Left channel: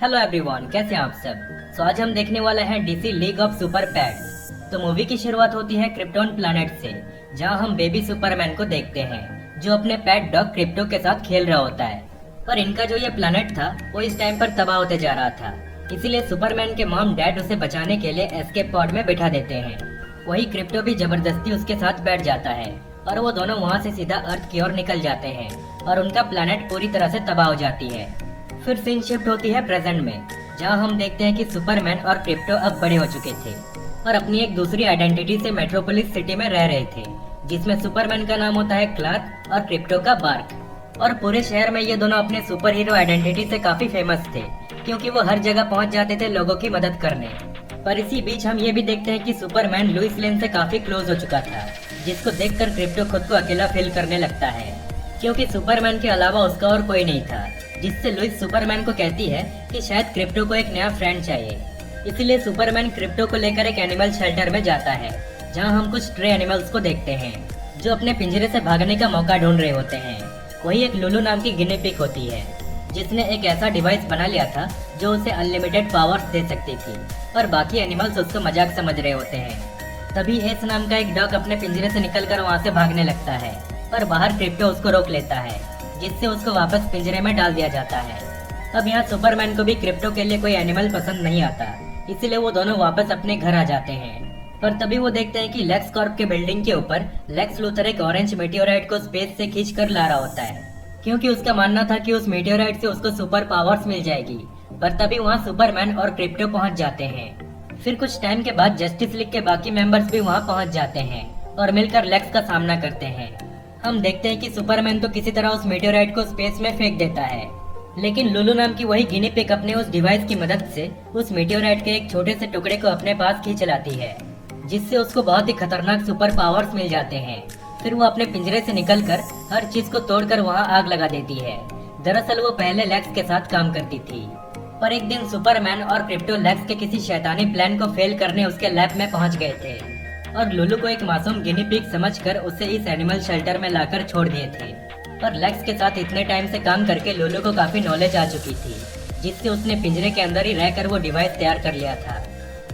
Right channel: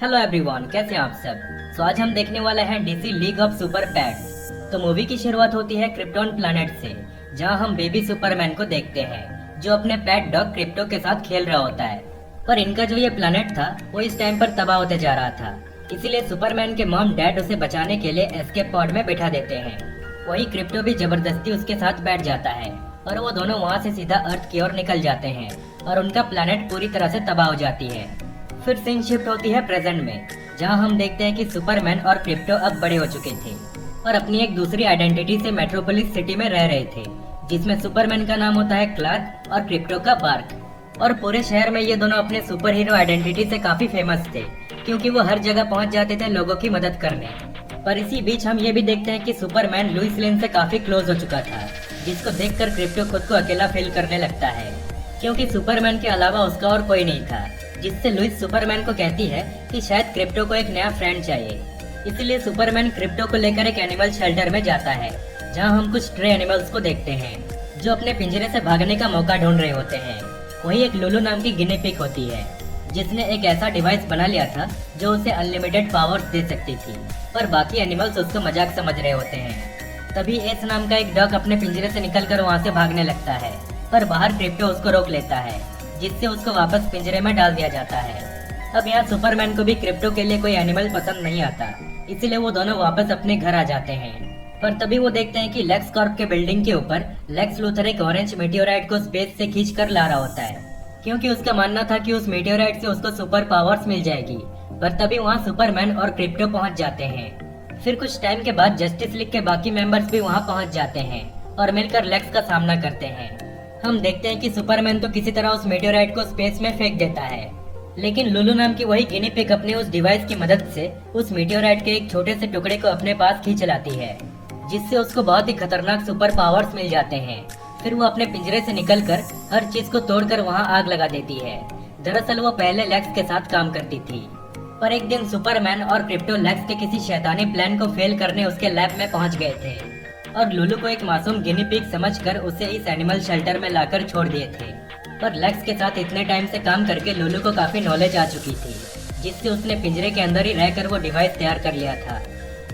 Hello everyone, कैसे हैं आप सब। आज हम देखने वाला है DC league of super pets. तो मूवी की शुरुआत होती है क्रिप्टोन प्लैनेट से, जहां हम बेबी सुपरमैन को देखते हैं जो अपने पेट डॉग क्रिप्टो के साथ खेल रहा होता है। पर इनका जो ये प्लैनेट था वो इस टाइम पर तबाह होते जा रहा था, इसीलिए सुपरमैन के मॉम डैड उसे बचाने के लिए एस्केप पॉड में बैठा देते हैं। वही क्रिप्टो भी जबरदस्ती उसके साथ बैठ जाता है और वो दोनों वहाँ से सीधा अर्थ की ओर निकल जाते हैं और उनका प्लैनेट पूरी तरह से तबाह हो जाती है। फिर सीन शिफ्ट होती है प्रेजेंट में, जहां हम देखते हैं कि सुपरमैन और क्रिप्टो अब बड़े हो चुके थे और अपनी एक दूसरी आइडेंटिटी से मेट्रोपोलिस सिटी में रह रहे थे, जिसमें सुपरमैन का नाम होता है क्लार्क और क्रिप्टो का बार्क। और पूरे शहर में ये दोनों अपने सुपर हीरो आइडेंटिटी से काफी फेमस थे, क्योंकि वो हर जगह पहुंच जाते थे लोगों की मदद करने। पर इसी बीच हम ये भी देखते हैं कि सुपरमैन लुइस लेन से काफी क्लोज हो चुका था, जिसको देखकर क्रिप्टो खुद को अकेला फील करने लगता है, क्योंकि सुपरमैन के अलावा उसका और कोई नहीं था। जिससे लुइस सुपरमैन को कहती है कि शायद क्रिप्टो को एक नया फ्रेंड चाहिए। इसलिए सुपरमैन क्रिप्टो को लेकर एक एनिमल शेल्टर में जाता है, जहां हम कुछ स्ट्रे एनिमल्स को देखते हैं जो अपने पिंजरे से भागने का मौका ढूंढ रहे होते हैं। वही एक लुलू नाम की गिनी पिग होती है, जिसने एक ऐसा डिवाइस बना लिया था जो उसे अनलिमिटेड पावर्स दे सकती थी, और बाकी एनिमल्स उसको मजाक समझ रहे होते हैं। तभी एस नाम का एक डॉग अपने पिंजरे से निकलकर वहां से भागने लगता है, पर बाहर क्रिप्टो उसको रोक लेता है, जिससे उसको वापस पिंजरे में डाल दिया जाता है। अब यहाँ सुपरमैन को भी क्रिप्टो के लिए कोई एनिमल पसंद नहीं आता, इसीलिए वो दोनों वापस अपने घर आ जाते हैं। पर तभी वो देखते हैं कि लेक्स कॉर्प के बिल्डिंग के ऊपर लेक्स लूथर एक ऑरेंज मीटियोराइट को स्पेस से खींच कर ला रहा होता है, क्योंकि उसका मानना था कि उस मीटियोराइट से उसको सुपर पावर्स मिल जाएगी। और तभी वहाँ सुपरमैन और क्रिप्टो पहुँच जाते हैं। फिर कुछ टाइम के बाद जस्टिस लीग के बाकी मेंबर्स भी वहाँ पहुँच जाते हैं और मिलकर लेक्स का सामना करते हैं। हम देखते हैं कि सुपरमैन तो किसी तरह उस मेटेओराइट को स्पेस में फेंक देता है, लेकिन लुलू नाम की वही गिनी पिग अपने उस डिवाइस की मदद से उस मेटेओराइट के एक छोटे से टुकड़े को अपने पास खींच लाती है, जिससे उसको बहुत ही खतरनाक सुपर पावर्स मिल जाते हैं। फिर वो अपने पिंजरे से निकलकर हर चीज को तोड़कर वहाँ आग लगा देती है। दरअसल वो पहले लेक्स के साथ काम करती थी, पर एक दिन सुपरमैन और क्रिप्टो लेक्स के किसी शैतानी प्लान को फेल करने उसके लैब में पहुँच गए थे और लुलू को एक मासूम गिनी पिग समझकर उसे इस एनिमल शेल्टर में लाकर छोड़ दिए थे। पर लेक्स के साथ इतने टाइम से काम करके लुलू को काफी नॉलेज आ चुकी थी, जिससे उसने पिंजरे के अंदर ही रहकर वो डिवाइस तैयार कर लिया था।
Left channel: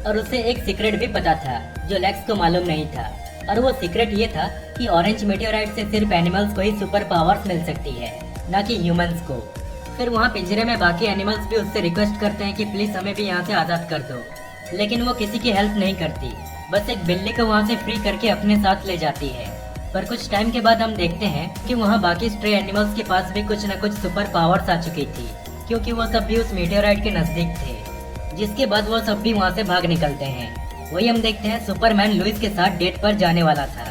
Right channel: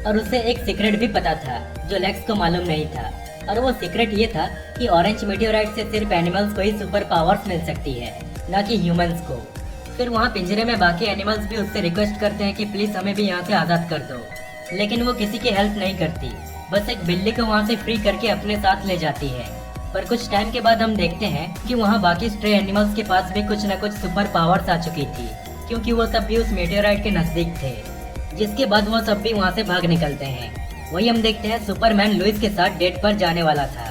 और उसे एक सीक्रेट भी पता था जो लेक्स को मालूम नहीं था, और वो सीक्रेट ये था कि ऑरेंज मेटेओराइट से सिर्फ एनिमल्स को ही सुपर पावर्स मिल सकती है, न कि ह्यूमंस को। फिर वहाँ पिंजरे में बाकी एनिमल्स भी उससे रिक्वेस्ट करते हैं कि प्लीज हमें भी यहाँ से आजाद कर दो, लेकिन वो किसी की हेल्प नहीं करती, बस एक बिल्ली को वहाँ से फ्री करके अपने साथ ले जाती है। पर कुछ टाइम के बाद हम देखते हैं कि वहाँ बाकी स्ट्रे एनिमल्स के पास भी कुछ न कुछ सुपर पावर्स आ चुकी थी, क्योंकि वो सब भी उस मेटेओराइट के नजदीक थे। जिसके बाद वो सब भी वहाँ से भाग निकलते हैं। वही हम देखते हैं सुपरमैन लुइस के साथ डेट पर जाने वाला था,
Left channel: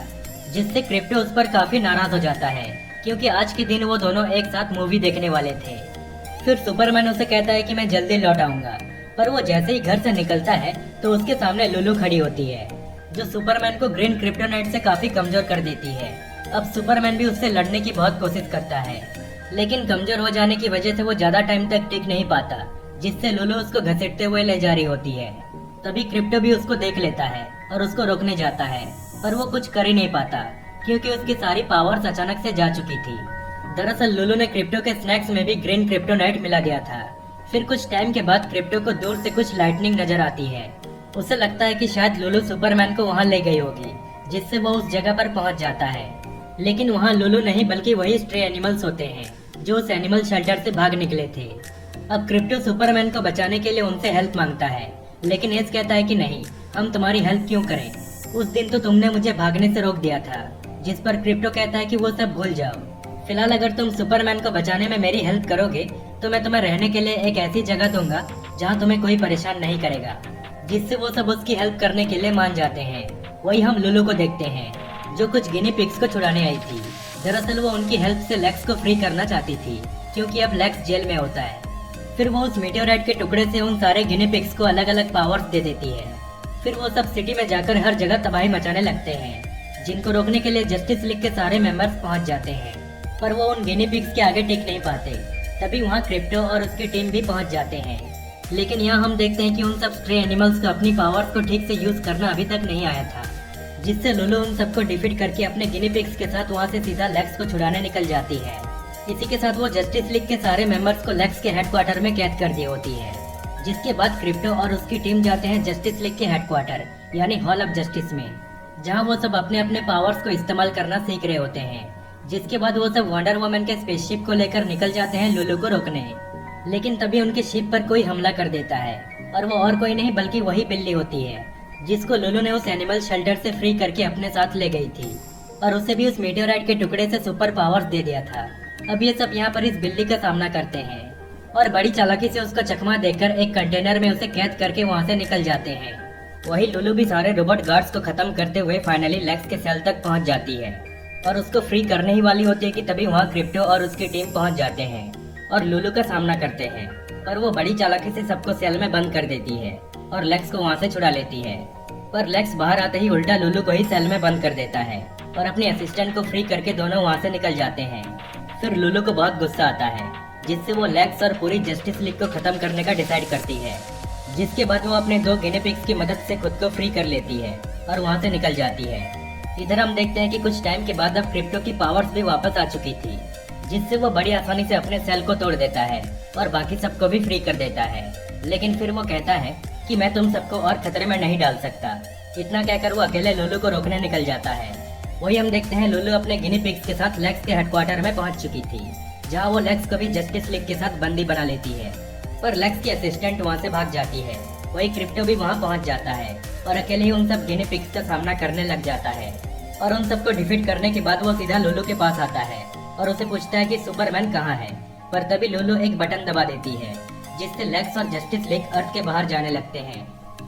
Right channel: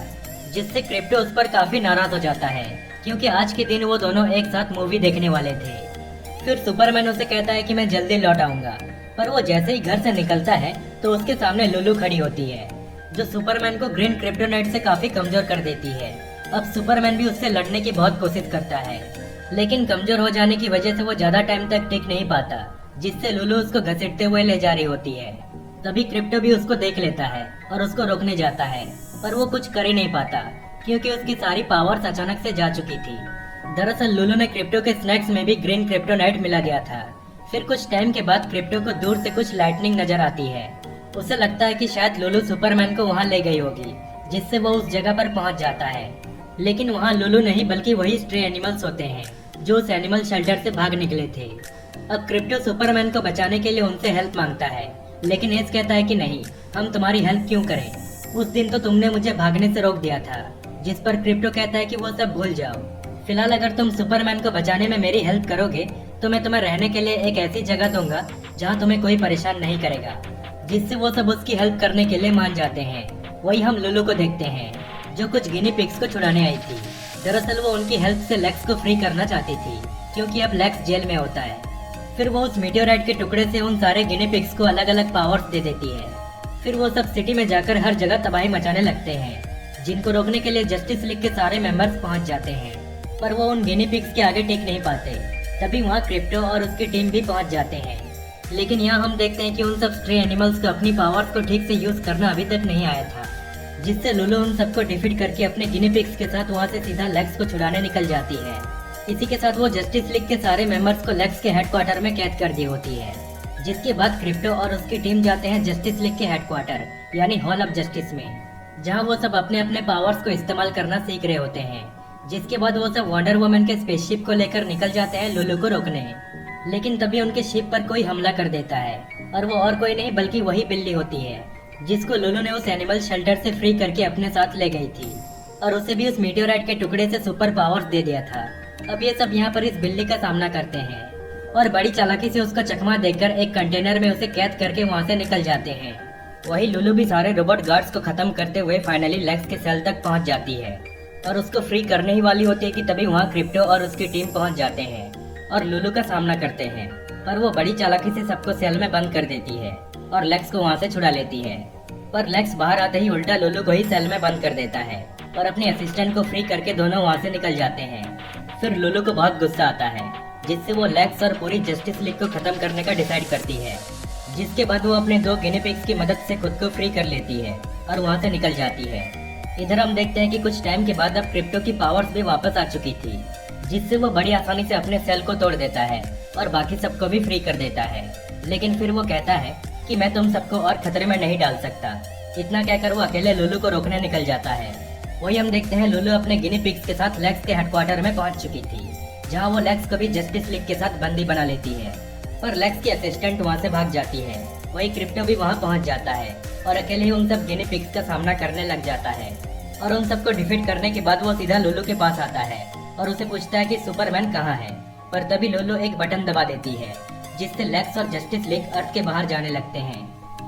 जिससे क्रिप्टो उस पर काफी नाराज हो जाता है, क्योंकि आज के दिन वो दोनों एक साथ मूवी देखने वाले थे। फिर सुपरमैन उसे कहता है कि मैं जल्दी लौट आऊंगा, पर वो जैसे ही घर से निकलता है तो उसके सामने लुलू खड़ी होती है, जो सुपरमैन को ग्रीन क्रिप्टोनाइट से काफी कमजोर कर देती है। अब सुपरमैन भी उससे लड़ने की बहुत कोशिश करता है, लेकिन कमजोर हो जाने की वजह से वो ज्यादा टाइम तक टिक नहीं पाता, जिससे लुलू उसको घसीटते हुए ले जा रही होती है। तभी क्रिप्टो भी उसको देख लेता है और उसको रोकने जाता है, पर वो कुछ कर ही नहीं पाता, क्योंकि उसकी सारी पावर्स अचानक से जा चुकी थी। दरअसल लुलू ने क्रिप्टो के स्नैक्स में भी ग्रीन क्रिप्टोनाइट मिला दिया था। फिर कुछ टाइम के बाद क्रिप्टो को दूर से कुछ लाइटनिंग नजर आती है। उसे लगता है कि शायद लुलू सुपरमैन को वहाँ ले गई होगी, जिससे वो उस जगह पर पहुँच जाता है। लेकिन वहाँ लुलू नहीं बल्कि वही स्ट्रे एनिमल्स होते हैं जो उस एनिमल शेल्टर से भाग निकले थे। अब क्रिप्टो सुपरमैन को बचाने के लिए उनसे हेल्प मांगता है, लेकिन एस कहता है कि नहीं, हम तुम्हारी हेल्प क्यों करें, उस दिन तो तुमने मुझे भागने से रोक दिया था। जिस पर क्रिप्टो कहता है कि वो सब भूल जाओ, फिलहाल अगर तुम सुपरमैन को बचाने में मेरी हेल्प करोगे तो मैं तुम्हें रहने के लिए एक ऐसी जगह दूंगा जहाँ तुम्हें कोई परेशान नहीं करेगा, जिससे वो सब उसकी हेल्प करने के लिए मान जाते हैं। वही हम लुलू को देखते हैं, जो कुछ गिनी पिग्स को छुड़ाने आई थी। दरअसल वो उनकी हेल्प से लेक्स को फ्री करना चाहती थी, क्योंकि अब लेक्स जेल में होता है। फिर वो उस मेटेओराइट के टुकड़े से उन सारे गिनी पिग्स को अलग अलग पावर्स दे देती है। फिर वो सब सिटी में जाकर हर जगह तबाही मचाने लगते हैं, जिनको रोकने के लिए जस्टिस लीग के सारे मेंबर्स पहुंच जाते हैं, पर वो उन गिनी पिग्स के आगे टिक नहीं पाते। तभी वहाँ क्रिप्टो और उसकी टीम भी पहुंच जाते हैं, लेकिन यहाँ हम देखते हैं कि उन सब स्ट्रे एनिमल्स को अपनी पावर्स को ठीक से यूज करना अभी तक नहीं आया था, जिससे लुलू उन सबको डिफीट करके अपने गिनी पिग्स के साथ वहाँ से सीधा लेक्स को छुड़ाने निकल जाती है। इसी के साथ वो जस्टिस लीग के सारे मेंबर्स को लेक्स के हेडक्वार्टर में कैद कर दी होती है। जिसके बाद क्रिप्टो और उसकी टीम जाते हैं जस्टिस लीग के हेडक्वार्टर यानी हॉल ऑफ जस्टिस में, जहां वो सब अपने अपने पावर्स को इस्तेमाल करना सीख रहे होते हैं। जिसके बाद वो सब वंडर वुमन के स्पेसशिप को लेकर निकल जाते हैं लुलू को रोकने। लेकिन तभी उनके शिप पर कोई हमला कर देता है और वो और कोई नहीं बल्कि वही बिल्ली होती है जिसको लुलू ने उस एनिमल शेल्टर से फ्री करके अपने साथ ले गई थी और उसे भी उस मीटियोराइट के टुकड़े से सुपर पावर्स दे दिया था। अब ये सब यहाँ पर इस बिल्ली का सामना करते हैं और बड़ी चालाकी से उसका चकमा देकर एक कंटेनर में उसे कैद करके वहाँ से निकल जाते हैं। वही लुलू भी सारे रोबोट गार्ड्स को खत्म करते हुए फाइनली लेक्स के सेल तक पहुँच जाती है और उसको फ्री करने ही वाली होती है कि तभी वहाँ क्रिप्टो और उसकी टीम पहुँच जाते हैं और लुलू का सामना करते हैं। पर वो बड़ी चालाकी से सबको सेल में बंद कर देती है और लेक्स को वहाँ से छुड़ा लेती है। पर लेक्स बाहर आते ही उल्टा लुलू को ही सेल में बंद कर देता है और अपने असिस्टेंट को फ्री करके दोनों वहाँ से निकल जाते हैं। फिर लुलू को बहुत गुस्सा आता है जिससे वो लेक्स और पूरी जस्टिस लीग को खत्म करने का डिसाइड करती है। जिसके बाद वो अपने 2 गिनी पिग्स की मदद से खुद को फ्री कर लेती है और वहाँ से निकल जाती है। इधर हम देखते हैं कि कुछ टाइम के बाद अब क्रिप्टो की पावर्स भी वापस आ चुकी थी, जिससे वो बड़ी आसानी से अपने सेल को तोड़ देता है और बाकी सबको भी फ्री कर देता है। लेकिन फिर वो कहता है कि मैं तुम सबको और खतरे में नहीं डाल सकता। इतना कहकर वो अकेले लुलू को रोकने निकल जाता है। वही हम देखते हैं लुलू अपने गिनी पिग्स के साथ लेक्स के हेडक्वार्टर में पहुंच चुकी थी, जहां वो लेक्स को भी जस्टिस लीग के साथ बंदी बना लेती है। पर लेक्स की असिस्टेंट वहां से भाग जाती है। वही क्रिप्टो भी वहां पहुंच जाता है और अकेले ही उन सब गिनी पिग्स का सामना करने लग जाता है। और उन सबको डिफीट करने के बाद वो सीधा लुलू के पास आता है और उसे पूछता है कि सुपरमैन कहाँ है। पर तभी लुलू एक बटन दबा देती है जिससे लेक्स और जस्टिस लीग अर्थ के बाहर जाने लगते हैं।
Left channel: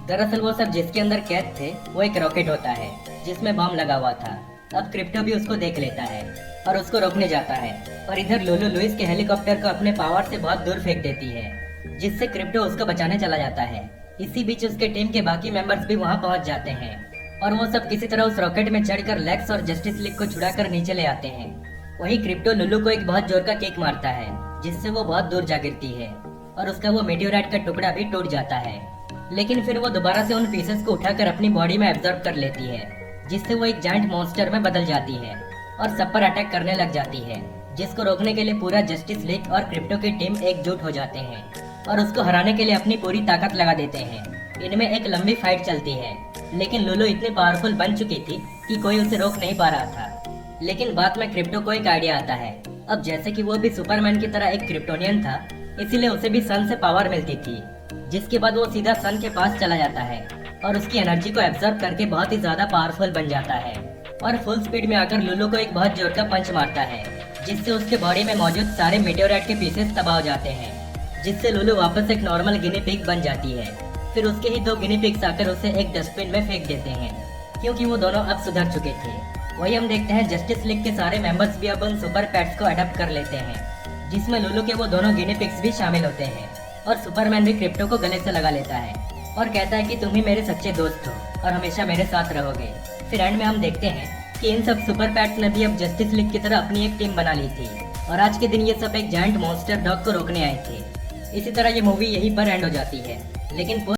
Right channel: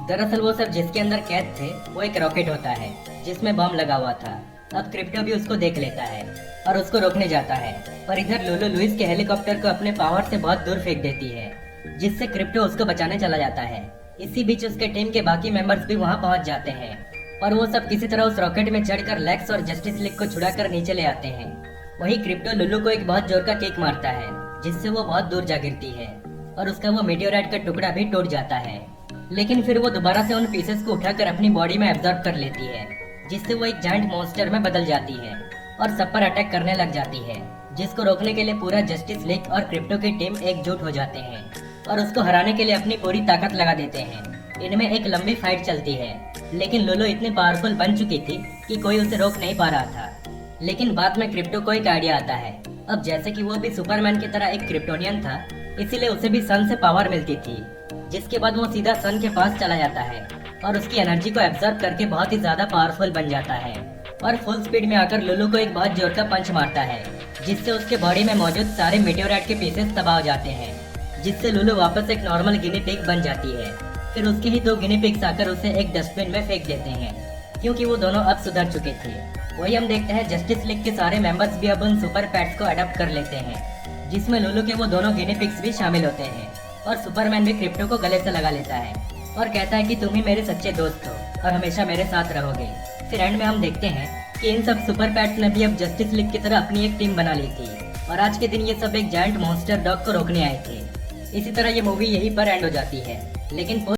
दरअसल वो सब जिसके अंदर कैद थे वो एक रॉकेट होता है जिसमें बम लगा हुआ था। अब क्रिप्टो भी उसको देख लेता है और उसको रोकने जाता है। और इधर लुलू लुइस के हेलीकॉप्टर को अपने पावर से बहुत दूर फेंक देती है, जिससे क्रिप्टो उसको बचाने चला जाता है। इसी बीच उसके टीम के बाकी मेंबर्स भी वहाँ पहुँच जाते हैं और वो सब किसी तरह उस रॉकेट में चढ़कर लेक्स और जस्टिस लीग को छुड़ाकर नीचे ले आते हैं। वही क्रिप्टो लुलू को एक बहुत जोर का किक मारता है जिससे वो बहुत दूर जा गिरती है और उसका वो मीटियोराइट का टुकड़ा भी टूट जाता है। लेकिन फिर वो दोबारा से उन पीसेस को उठाकर अपनी बॉडी में एब्जॉर्ब कर लेती है, जिससे वो एक जायंट मॉन्स्टर में बदल जाती है और सब पर अटैक करने लग जाती है। जिसको रोकने के लिए पूरा जस्टिस लीग और क्रिप्टो की टीम एकजुट हो जाते हैं और उसको हराने के लिए अपनी पूरी ताकत लगा देते हैं। इनमें एक लंबी फाइट चलती है, लेकिन लुलू इतनी पावरफुल बन चुकी थी कि कोई उसे रोक नहीं पा रहा था। लेकिन बाद में क्रिप्टो को एक आइडिया आता है। अब जैसे कि वो भी सुपरमैन की तरह एक क्रिप्टोनियन था, इसीलिए उसे भी सन से पावर मिलती थी। जिसके बाद वो सीधा सन के पास चला जाता है और उसकी एनर्जी को एब्जॉर्ब करके बहुत ही ज्यादा पावरफुल बन जाता है और फुल स्पीड में आकर लुलू को एक बहुत जोर का पंच मारता है, जिससे उसके बॉडी में मौजूद सारे मेटेओराइट के पीसेस तबाह हो जाते हैं, जिससे लुलू वापस एक नॉर्मल गिनी पिग बन जाती है। फिर उसके ही 2 गिनी पिग्स आकर उसे एक डस्टबिन में फेंक देते हैं, क्योंकि वो दोनों अब सुधर चुके थे। वही हम देखते हैं जस्टिस लीग के सारे मेंबर्स भी अब उन सुपर पेट्स को अडॉप्ट कर लेते हैं, जिसमें लुलू के वो दोनों गिनी पिग्स भी शामिल होते हैं। और सुपरमैन भी क्रिप्टो को गले से लगा लेता है और कहता है कि तुम ही मेरे सच्चे दोस्त हो और हमेशा मेरे साथ रहोगे। फिर एंड में हम देखते हैं कि इन सब सुपर पेट्स ने भी अब जस्टिस लीग की तरह अपनी एक टीम बना ली थी और आज के दिन ये सब एक जायंट मॉन्स्टर डॉग को रोकने आए थे। इसी तरह ये मूवी यहीं पर एंड हो जाती है। लेकिन